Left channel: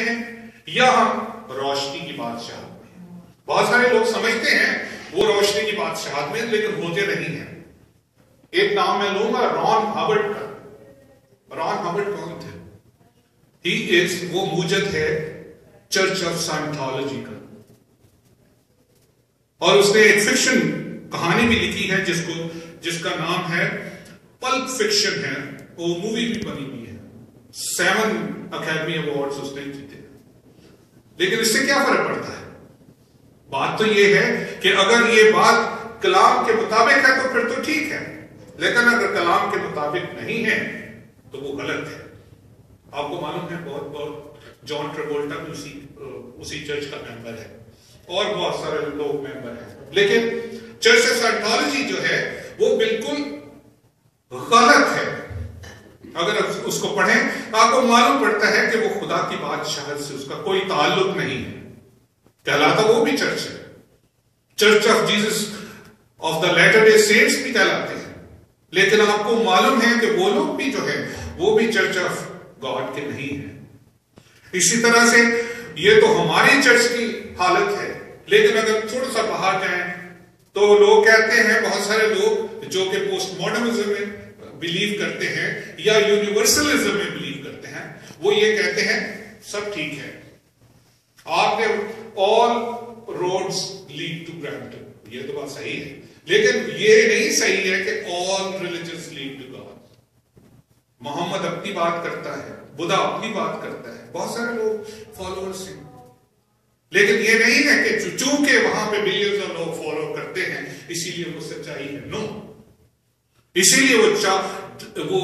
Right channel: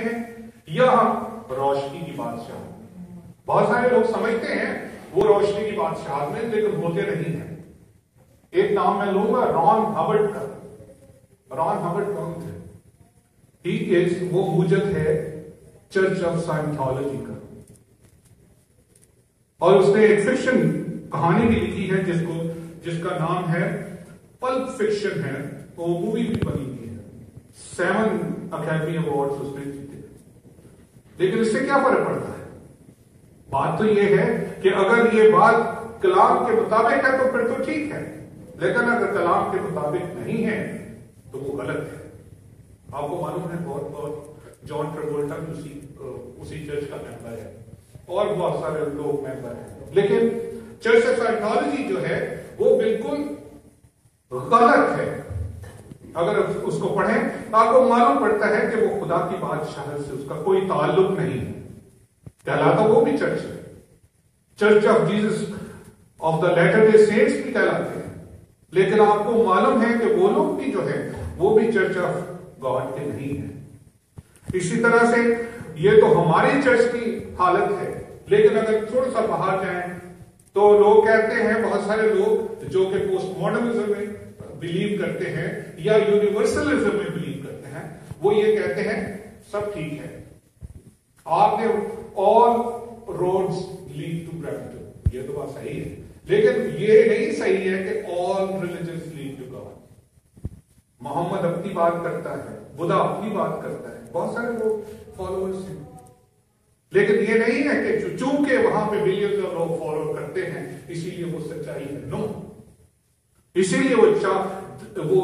میں ہیں یا ہم روشنی کی بادشاہت میں ہیں؟ بہت سارے لوگ سمجھتے ہیں وہ روشنی کی بادشاہت میں، لیکن ہوتے نہیں ہیں۔ ایک نام میں لوں گا ران ہاورڈ کا۔ ران ہاورڈ کون تھے؟ وہ موجد ہے چرچ آف سائنٹالوجی کا، اور اس نے ایک فکشن کہانی بھی لکھی ہے جس کا نام ہے پلپ فکشن ہے، وہ مووی بھی بنی ہوئی ہے، 7 اکیڈمی ایوارڈز اس نے جیتے۔ لیکن اس سے کیا فرق پڑتا ہے؟ بات تو یہ ہے کہ اگر یہ بات کلام کے مطابق ہے تو پھر تو ٹھیک ہے، لیکن اگر کلام کے مطابق نہیں ہے تو وہ غلط ہے۔ آپ کو معلوم ہے بہت جان ٹریولٹا بھی اسی چرچ کا ممبر ہے، اور بہت سارے لوگ ممبر ہیں، لیکن چرچ آف سائنٹالوجی جو ہے وہ بالکل غلط ہے۔ اگر اس کو پڑھیں آپ کو معلوم پڑتا ہے کہ وہ خدا کی بادشاہت سے اس کا کوئی تعلق نہیں ہے۔ کہلاتا وہ بھی چرچ ہے، Church of Jesus of the Latter Day Saints بھی کہلاتے ہیں، لیکن آپ کو معلوم ہے کہ وہ لوگ بھی جو ہے وہ بھی چرچ آف گاڈ کے نہیں ہیں۔ اسی طرح سے یہ تو ہماری چرچ کی حالت ہے، لیکن اگر تھوڑا سا باہر جائیں تو لوگ کہتے ہیں، بہت سارے لوگ جو کہ پوسٹ ماڈرنزم میں بلیو کرتے ہیں یا یونیورسلزم میں بلیو کرتے ہیں، وہ یہ کہتے ہیں سب ٹھیک ہے، آپ نے all roads lead to Brampton، یہ تو بات صحیح ہے، لیکن یہ نہیں صحیح ہے کہ all religions lead to God۔ محمد اپنی بات کرتا ہے، بدھا اپنی بات کرتا ہے، بہت سارے لوگ فالوورز ہیں، لیکن یہ نہیں ہے کہ چونکہ وہاں پہ بلینز آف لوگ فالو کرتے ہیں اسی لیے وہ سچائی ہے۔ نو، اسی لیے وہ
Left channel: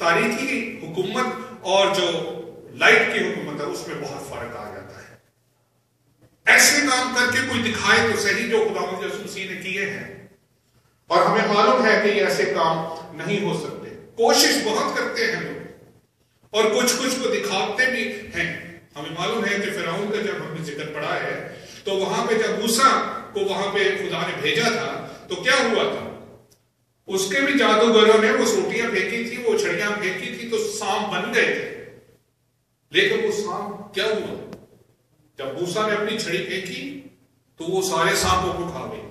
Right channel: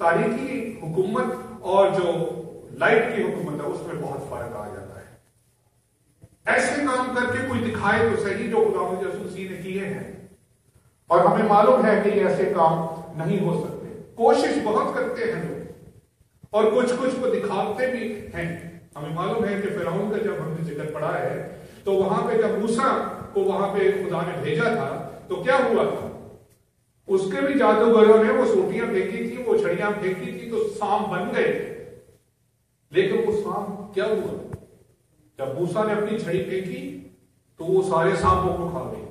تاریخی حکومت اور جو لائٹ کی حکومت ہے اس میں بہت فرق آ جاتا ہے۔ ایسے کام کر کے کوئی دکھائے تو صحیح جو خداوند یسوع مسیح نے کیے ہیں، اور ہمیں معلوم ہے کہ یہ ایسے کام نہیں ہو سکتے۔ کوشش بہت کرتے ہیں لوگ، اور کچھ کو دکھاتے بھی ہیں۔ ہمیں معلوم ہے کہ فرعون کا جب ہم نے ذکر پڑھا ہے تو وہاں پہ جب موسیٰ کو وہاں پہ خدا نے بھیجا تھا تو کیا ہوا تھا؟ اس کے بھی جادوگروں نے وہ سوٹیاں پھینکی تھی، وہ چھڑیاں پھینکی تھی تو سانپ بن گئے تھے، لیکن وہ سانپ کیا ہوا؟ جب موسیٰ نے اپنی چھڑی پھینکی تو وہ سارے سانپوں کو کھا گئے۔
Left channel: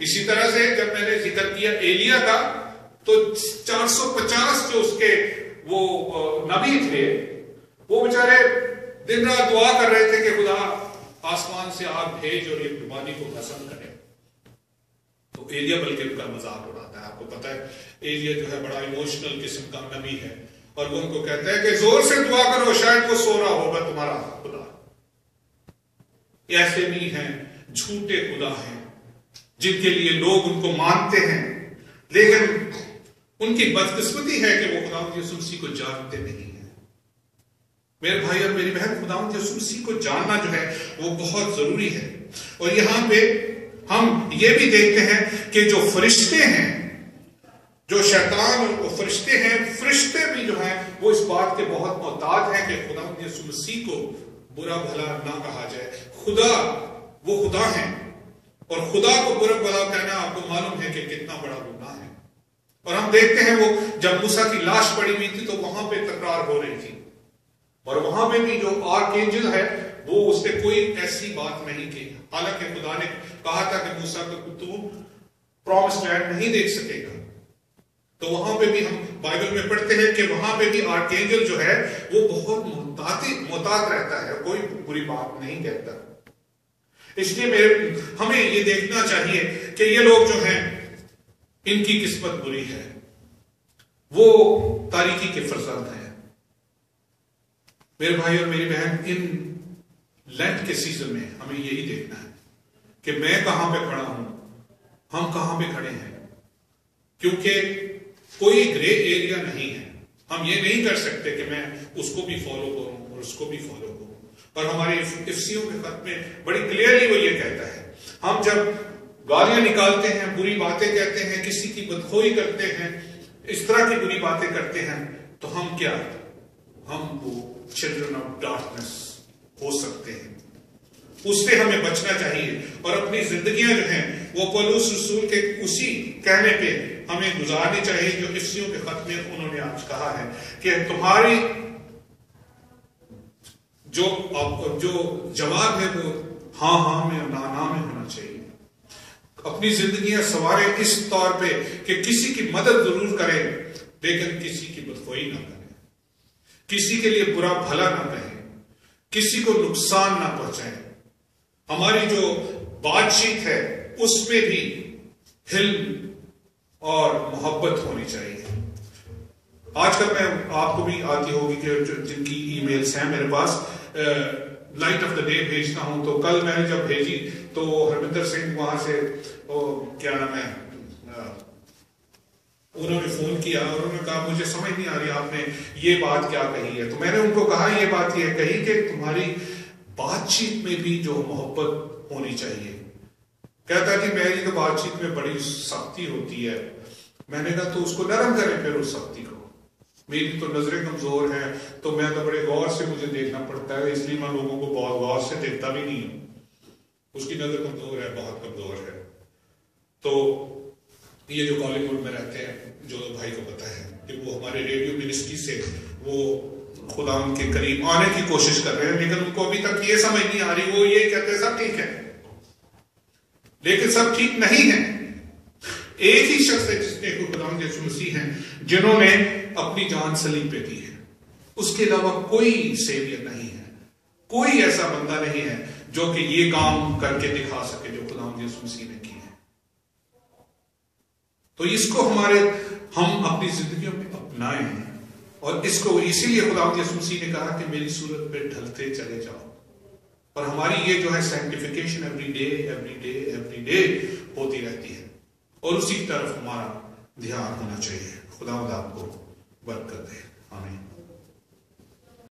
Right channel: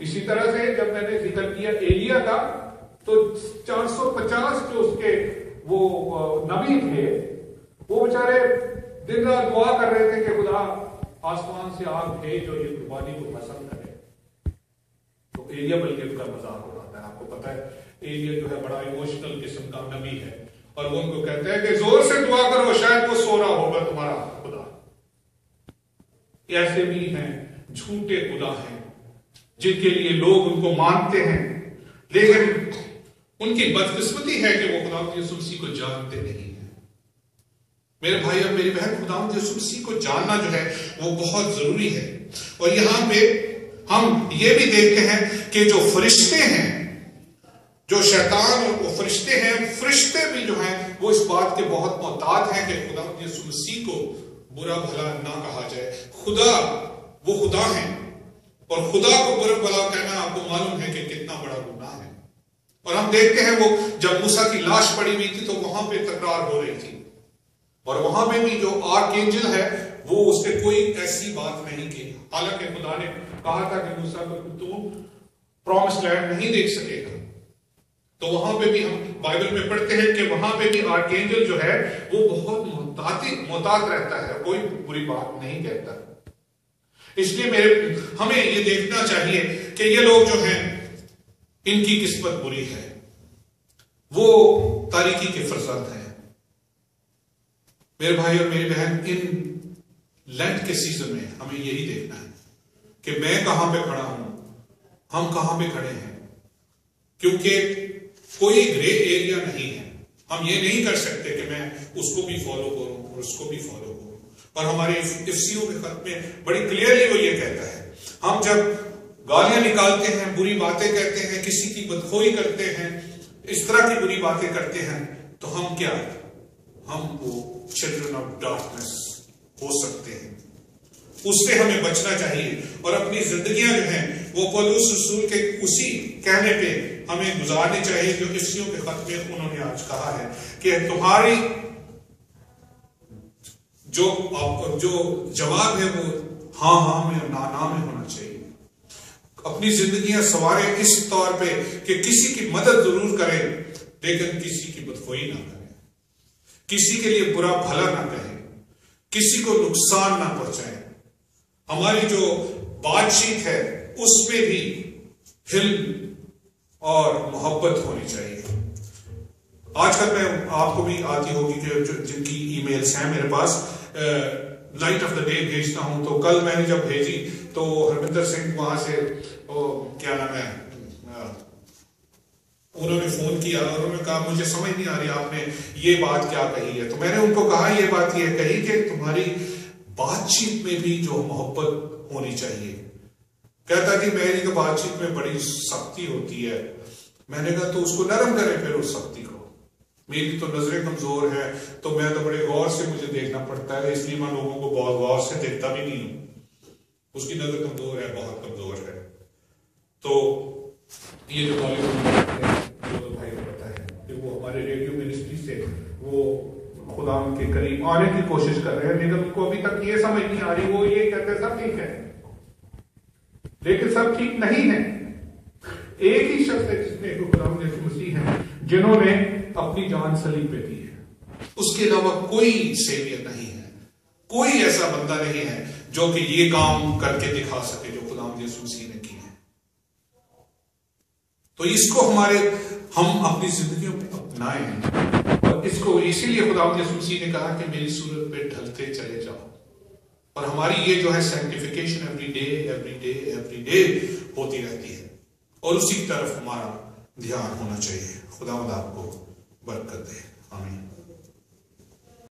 اسی طرح سے جب میں نے ذکر کیا ایلیا کا، تو 450 جو اس کے وہ نبی تھے وہ بیچارے دن رات دعا کر رہے تھے کہ خدا آسمان سے آگ بھیج اور یہ پانی کو بھسم کرے، تو ایلیا بلکہ ان کا مذاق اڑاتا ہے۔ آپ کو پتا ہے ایلیا جو ہے بڑا ایموشنل قسم کا نبی ہے، اور وہ ان کو کہتا ہے کہ زور سے دعا کرو شاید وہ سو رہا ہوگا تمہارا خدا۔ ایسے بھی ہیں جھوٹے خدا ہیں جن کے لیے لوگ ان کو مانتے ہیں، لیکن ان کی بدقسمتی ہے کہ وہ خداوند یسوع مسیح کو جانتے نہیں ہیں۔ میرے بھائی اور میری بہن، خداوند یسوع مسیح کو جاننا جو ہے وہ بہت ضروری ہے۔ اور یہاں پہ ہم یہ بھی دیکھتے ہیں کہ جو فرشتے ہیں، جو شیطان اور وہ فرشتے ہیں، فرشتے بھی جو ہیں وہ اس بات کے بہت محتاط ہیں کہ خداوند یسوع مسیح کو برا بھلا نہ کہا جائے۔ خدا وہ خدا ہیں، اور خدا کو برا بھلا کہنا آپ کو معلوم ہے کہ کتنا بڑا گناہ ہے۔ اور ہم دیکھتے ہیں وہ جب موسیٰ کی لاش پڑی ہوئی تھی تو وہاں پہ تکرار ہو رہی تھی، اور وہاں پہ بھی جو آرک اینجل ہے وہ اس نے کوئی ایسی بات نہیں کی، حالانکہ خدا نے کہا تھا کہ موسیٰ کو تو پرومس لینڈ نہیں دیکھ سکے گا۔ تو وہاں پہ بھی ہم بائبل میں پڑھتے ہیں کہ وہاں پہ بھی آرک اینجل جو ہے وہ بہت محتاط رہتا ہے، کوئی بری بات نہیں کہتا۔ اس لیے ہمیں یہ دیکھنا چاہیے کہ یہ لوگ جو ہیں ان کی قسمت بری ہے، وہ تاریکی کے فرزند ہیں۔ میرے بھائی اور میری بہن، ان لینٹ کے سیزن میں ہمیں یہی دیکھنا ہے کہ میں کہاں پہ کھڑا ہوں، ہم کہاں پہ کھڑے ہیں، کیونکہ کوئی گرے ایریا نہیں ہے۔ ہم یہ نہیں کر سکتے کہ میں اس کو بھی فالو کروں اور اس کو بھی فالو کروں۔ اور ہمارے افسیوں کے خط میں بڑی کلیئرلی وہ یہ کہتا ہے، ہم جب گالیاں نکالتے ہیں، بری باتیں کہتے ہیں، کسی کی بدخوئی کرتے ہیں، اس طرح کی بری باتیں کرتے ہیں، تو ہم کیا، ہم وہ چلڈرن آف ڈارکنس ہو سکتے ہیں۔ اس سے ہمیں بچنا چاہیے، اور اپنی زندگیاں جو ہیں وہ پولس رسول کے اسی کہنے پہ ہمیں گزارنی چاہیے جو افسیوں کے خط میں انہوں نے آج کہا ہے کہ تمہاری جو جواب ہے وہ ہاں میں نا میں ہونا چاہیے. اپنی زندگیاں سنواریں اس طور پہ کہ کسی کی مدد ضرور کریں لیکن کسی کی بدخوئی نہ کریں, کسی کے لیے برا بھلا نہ کہیں, کسی کو نقصان نہ پہنچائیں. ہماری جو بات چیت ہے اس میں بھی حلم اور محبت ہونی چاہیے. آج کل میں آپ کو بھی آتی ہوگی کہ جن کی ای میلز ہیں میرے پاس, لائٹ آف دا ڈے بھیجتا ہوں. تو کل میں نے جب بھیجی تو ہرمندر سنگھ وہاں سے کیا نام ہے انہوں نے فون کیا اور انہوں نے کہا مجھے سمجھ نہیں آ رہی آپ نے یہ بات کیا کہی ہے. تو میں نے ان کو کہا یہ بات یہ کہی کہ تمہاری بات چیت میں بھی جو محبت ہونی چاہیے. کہتا کہ میری تو بات چیت میں بڑی سختی ہوتی ہے. میں نے کہا تو اس کو نرم کرے پھر اس سختی کو. میری تو نظریں کمزور ہیں تو میں تو بڑے غور سے مجھے دیکھنا پڑتا ہے, اس لیے میں لوگوں کو بہت غور سے دیکھتا بھی نہیں ہوں. اس کی نظر کمزور ہے, بہت کمزور ہے. تو یہ جو طالب ہے جو بھائی کا پتہ ہے کہ وہ ہمارے ریڈیو منسٹری سے وہ خدا ان کے قریب آنے کی کوشش کر رہے ہیں, لیکن ان کو ابھی تک یہ سمجھ نہیں آ رہی. وہ یہ کہتے ہیں سب ٹھیک ہے لیکن سب ٹھیک نہیں ہے. ایک ہی شخص ہے جس نے خدا یسوع مسیح ہیں جنہوں نے اپنی جان صلیب پہ دی ہے. اس کے علاوہ کوئی سیویئر نہیں ہے, کوئی ایسا بندہ نہیں ہے جو کہ یہ کام کر کے دکھا سکے جو خدا یسوع مسیح نے کی ہے. تو اس کو ہم اپنی زندگیوں میں اپنائیں, اور اس کو اسی لیے خدا یسوع مسیح نے کہا کہ میری صورت پہ ڈھلتے چلے جاؤ. اور ہماری یہ جو ہے سینکٹیفیکیشن ایوری ڈے ہوتی رہتی ہے, اور اسی طرف ہمارا دھیان ہونا چاہیے. خدا آپ کو برکت دے. آمین.